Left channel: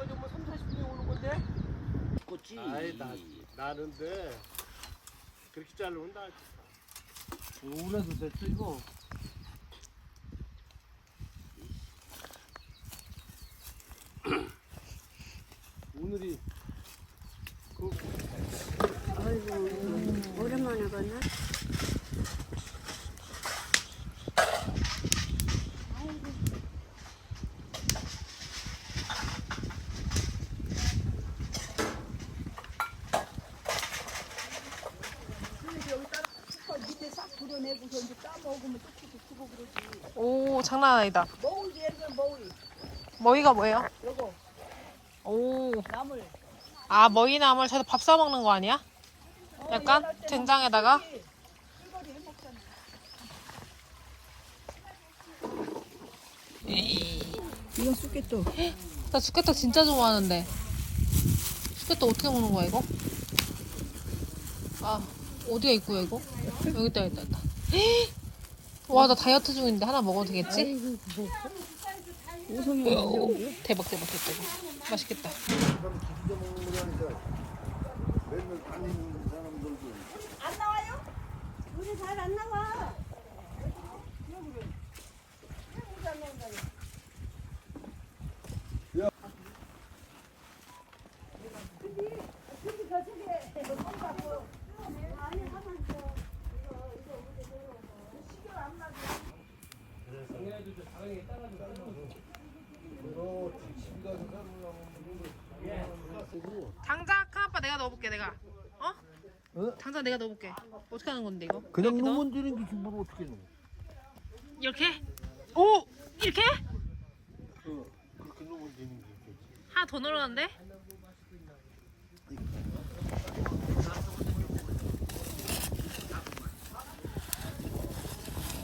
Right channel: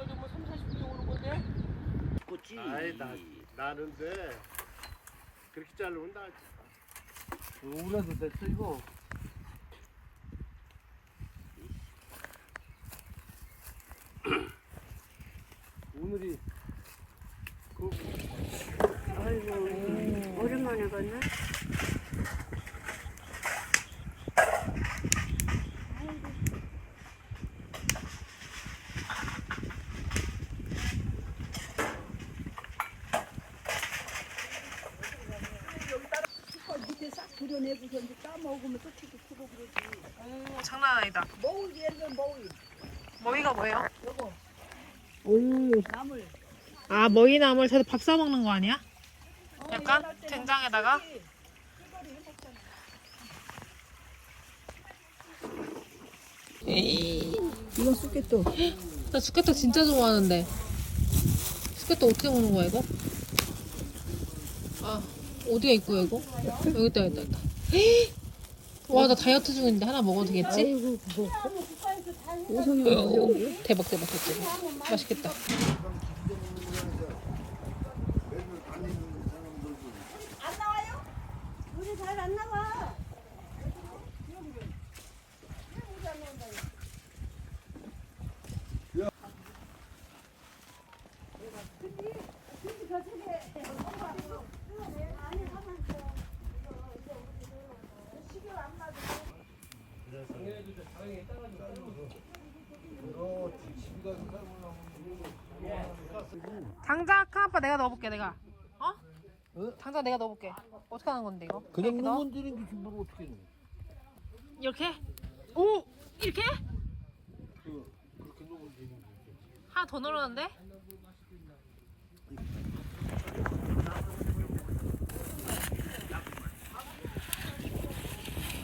여기까지 오면 3, 40분이 오는 건데? 그렇지. 아이, 나는데 그렇게 잘 온다. 오라도 됐어, 이거. 오늘이 아이고, 오랜만에 봤네. 오, 장난 아니다. 머위가 뭐예요? 오. 아, 머위나물 저도 밥 싸 먹는 거 아니야? 약간 된장에다가. 이건 쑥개떡. 나 쑥개떡 진짜 좋아하는데. 쑥개떡 어떻게 먹는 거야 이거? 아, 어디에 있고요 이거? 여기 있다, 여기 있다. 와, 나 다이어트 중인데 하나 먹어도 되겠지? 아이고, 뭐. 오성이 먹으려고. 대박, 대박, 대박. 맛있겠다. 안 나와요? 우리 잘 안 나와. 장작 아빠 내가 넣어볼게 내가. 어? 장작 내가 넣어볼게. 어떻게 하는 건데 이거? 그냥 이렇게 넣어? 넣으면 되는 게 뭘 어떻게 넣어? 이렇게? 오! 이렇게? 그렇게 넣으면 되는 게. 하나 더 넣었는데?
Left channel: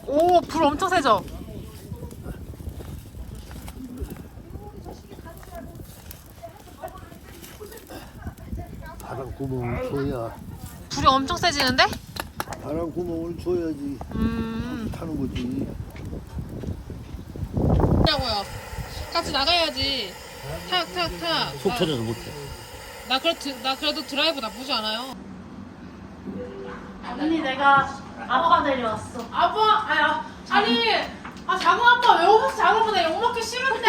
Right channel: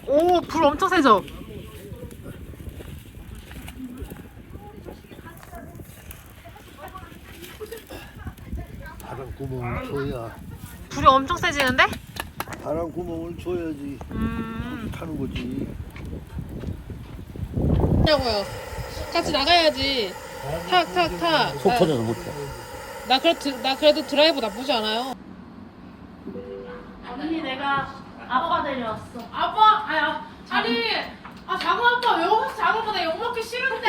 오, 불 엄청 세죠? 바람 구멍을 줘야. 불이 엄청 세지는데? 바람 구멍을 줘야지 타는 거지. 뭐냐고요? 같이 나가야지. 탁, 탁, 탁. 속 터져서 못해. 나 그래도 드라이브 나쁘지 않아요. 언니 내가 아빠 데려왔어. 아빠, 작은 아빠 왜 오면서 작은 아빠 나 욕먹기 싫은데.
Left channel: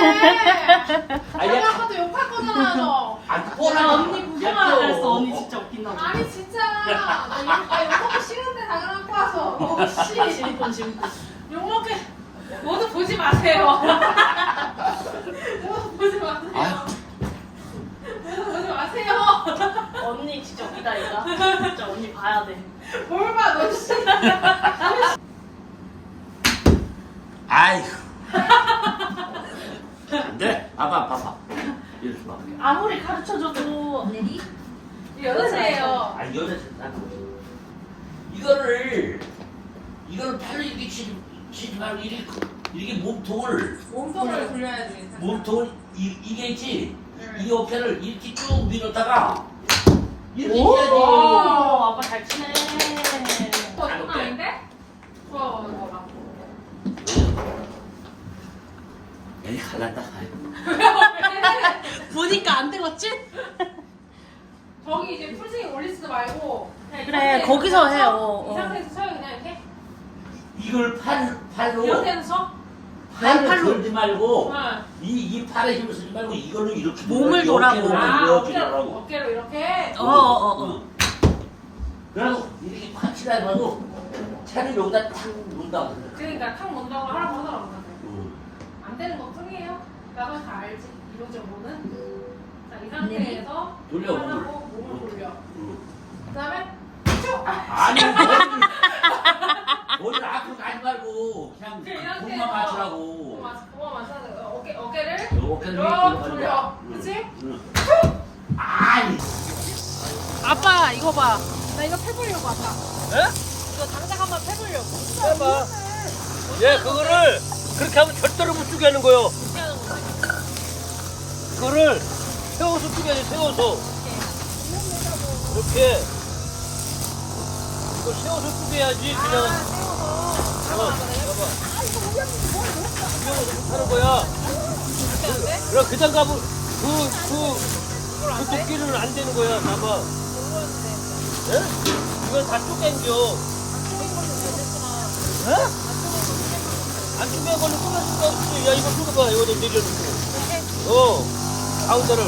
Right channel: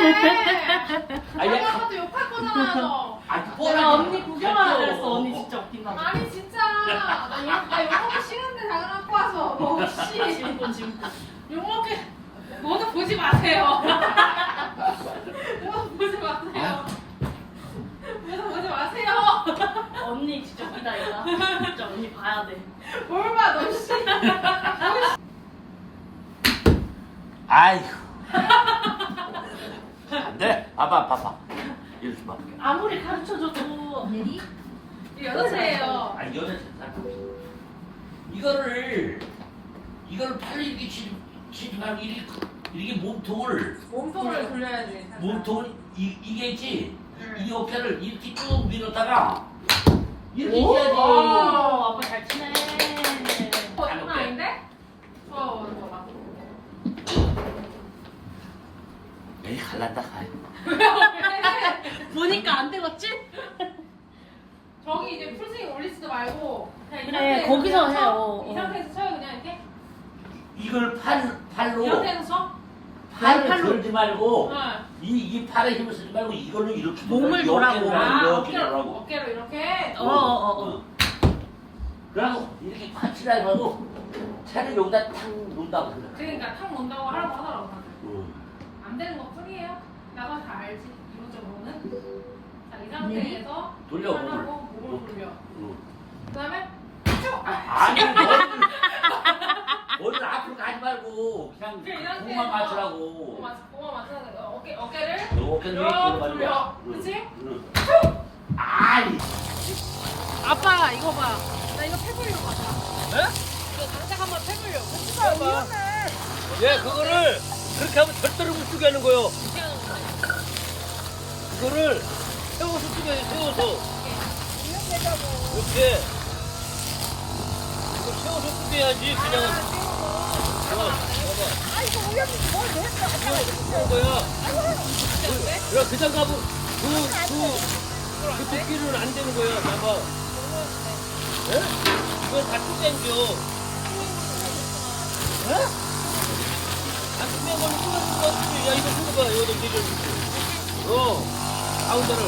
작은 아빠도 욕할 거잖아요. 나 언니 구경하라 그랬어. 언니 진짜 웃긴다고. 아니 진짜 나 욕먹기 싫은데 작은 아빠 와서. 진분. 욕먹기 모두 보지 마세요. 모두 보지 마세요. 모두 보지 마세요. 언니 진짜 웃기다 이거. 진짜 언니 봐야 돼. 뭘 봐, 너 씨. 아이고. 안 돼. 봐봐. 이렇게 봐. 아무리 가르쳐줘도 여자세요. 아니 여자 이거를 팔로 이렇게 치지 말고 이렇게 몸통을 돌려야지. 몸통을 이게 있지. 이 어깨를 이렇게 쭉 밀었다가 이렇게 오, 해야지. 아빠 잘 치네. 장난 아닌데? 이거 봐. 에이 갈란다. 보니까 안 되겠지? 저기 이제 풀스윙 올리지도 말고 그냥 이 그래, 상태에서 거기서 그냥 해요. 쳐. 이 상태에서 쳐요 그냥 이렇게. 이걸 이 팔로 상태에서 쳐. 팔을 들지 말고 응. 이 팔에 힘을 쓰지 말고 이거는 이렇게 몸을 돌아보고. 이렇게 돌아보고. 어깨로 이렇게. 어. 그러고 이렇게 파치다 해봐도 차를 여기다 탁 놓는다고 그래. 그러니까 탁 논다고 하라고 하더라고 다들. 응. 안 되는 것 뿐이에요. 나도 다 알지. 이거저거는. 자, 이 상태에서 돌려, 하고 몸을 돌려. 응. 그다음에 아니 머리를 앞으로 가지 말고 그냥 그래, 이 공만 상태에서 맞추라고. 공만 맞춰서 어깨를 어깨를 이렇게 돌려. 그렇지? 응. 아이. 아빠 이거 봐. 나 이거 패보려고 아빠. 네? 이거 당장 한번 패보려고. 예, 그거를 그렇게 하면 절대로 못 쓰게 하는 거요. 어떻게 하는 건데? 이거를 세워서 쓰게 해, 세워서. 이렇게. 이걸 세워서 쓰게 해야지, 그냥. 세워서. 봐봐. 아, 이거 우연히 뭘 왜 했어? 이거 이렇게 하는 거야. 안 돼, 안 돼? 그냥 그 장갑을 그 도끼는 안 되는 거야. 나봐. 예? 이건 다 쪼갠겨. 예? 안 쪼갠 걸로 쪼갤 수가 없어. 야, 이거 쪼개봐. 이거 좀 내려놓고. 가운데를.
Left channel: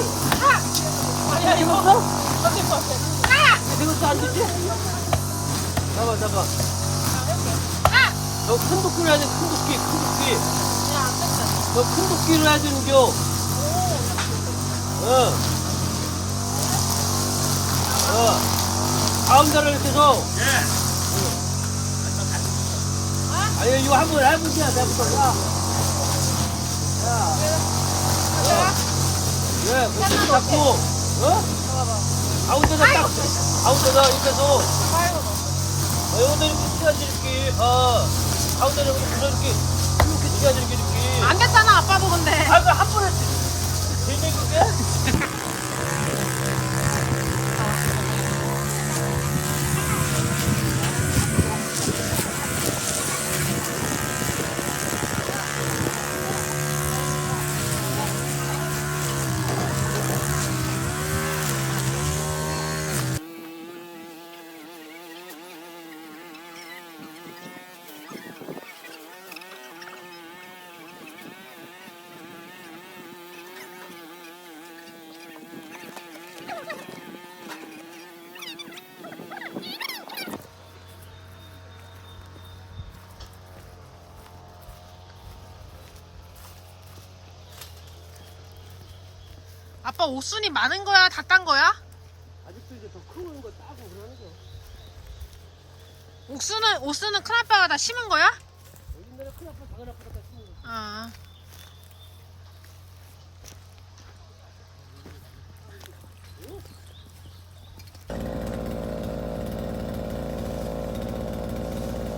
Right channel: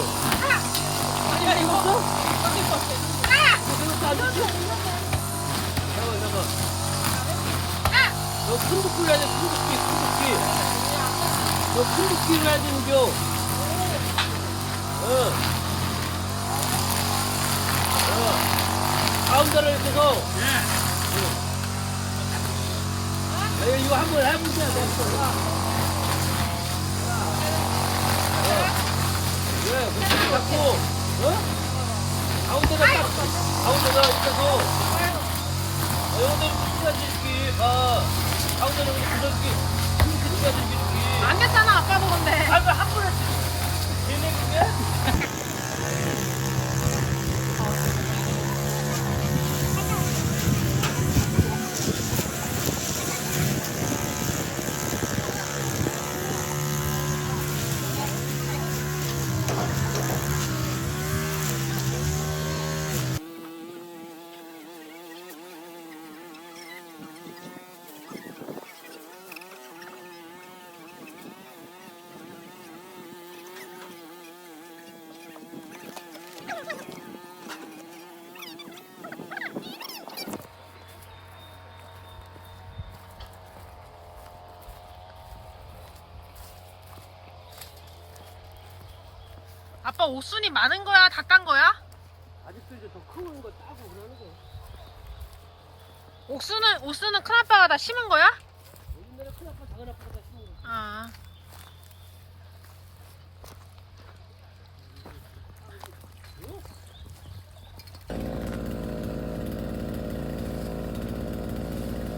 아니야, 이거 없어? 이거 안 좋죠? 잡아. 너 큰 도끼 해야 돼, 큰 도끼. 너 큰 도끼를 해야 되는겨. 가운데를 이렇게 해서. 아니, 이거 한번 해보자, 내가. 그렇게 잡고, 가운데가 이렇게 해서. 여기다 이렇게 찍어야지, 이렇게. 가운데를 이렇게 부서지게, 이렇게 찍어야지, 이렇게. 안 됐잖아 아빠도 근데. 이거 한 번에 되는데? 아빠 옥순이 많은 거야? 다 딴 거야? 아직도 이제 더 큰 거 따고 그러는 거. 옥수는 큰아빠가 다 심은 거야? 옛날에 큰 아빠, 작은 아빠가 다 심은 거. 아.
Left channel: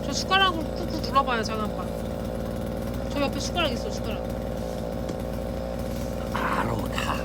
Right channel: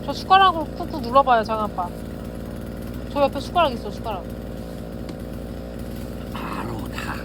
저 숟가락으로 꾹꾹 눌러봐요, 장아빠. 저 옆에 숟가락 있어, 숟가락. 바로 다.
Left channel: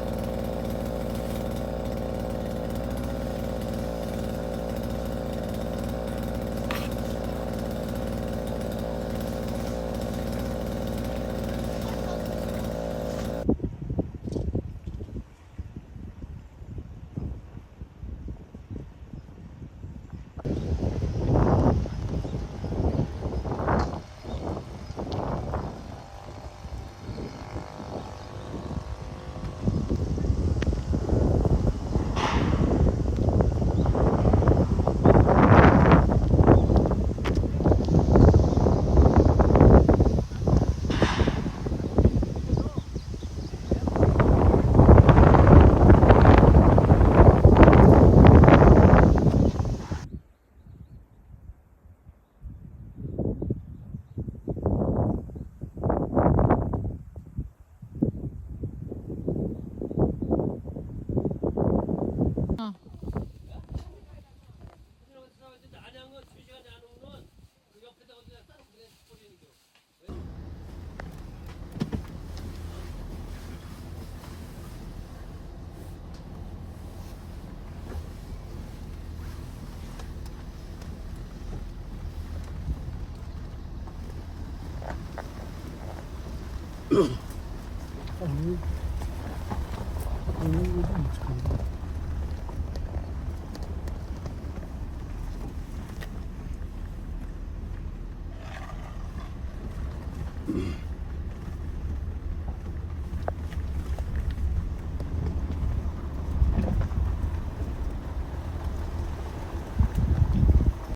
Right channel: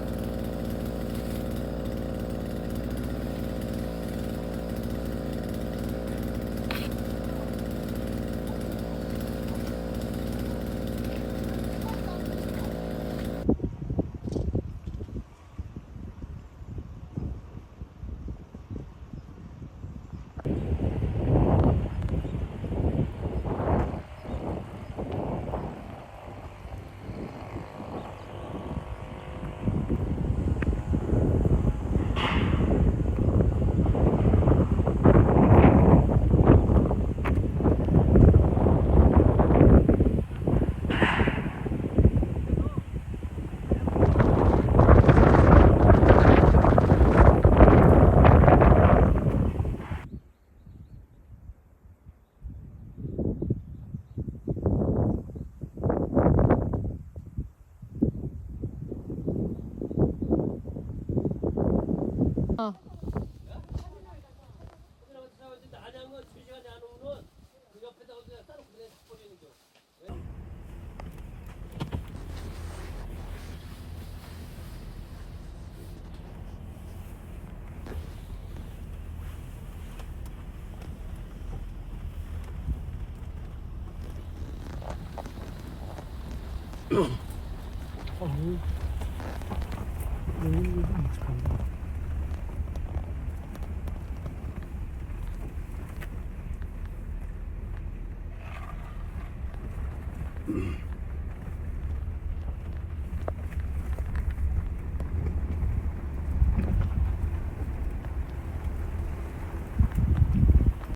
안양은 2시간에 안 오면 그 옆에다 어디다 따로 그래 버리는 거. 음.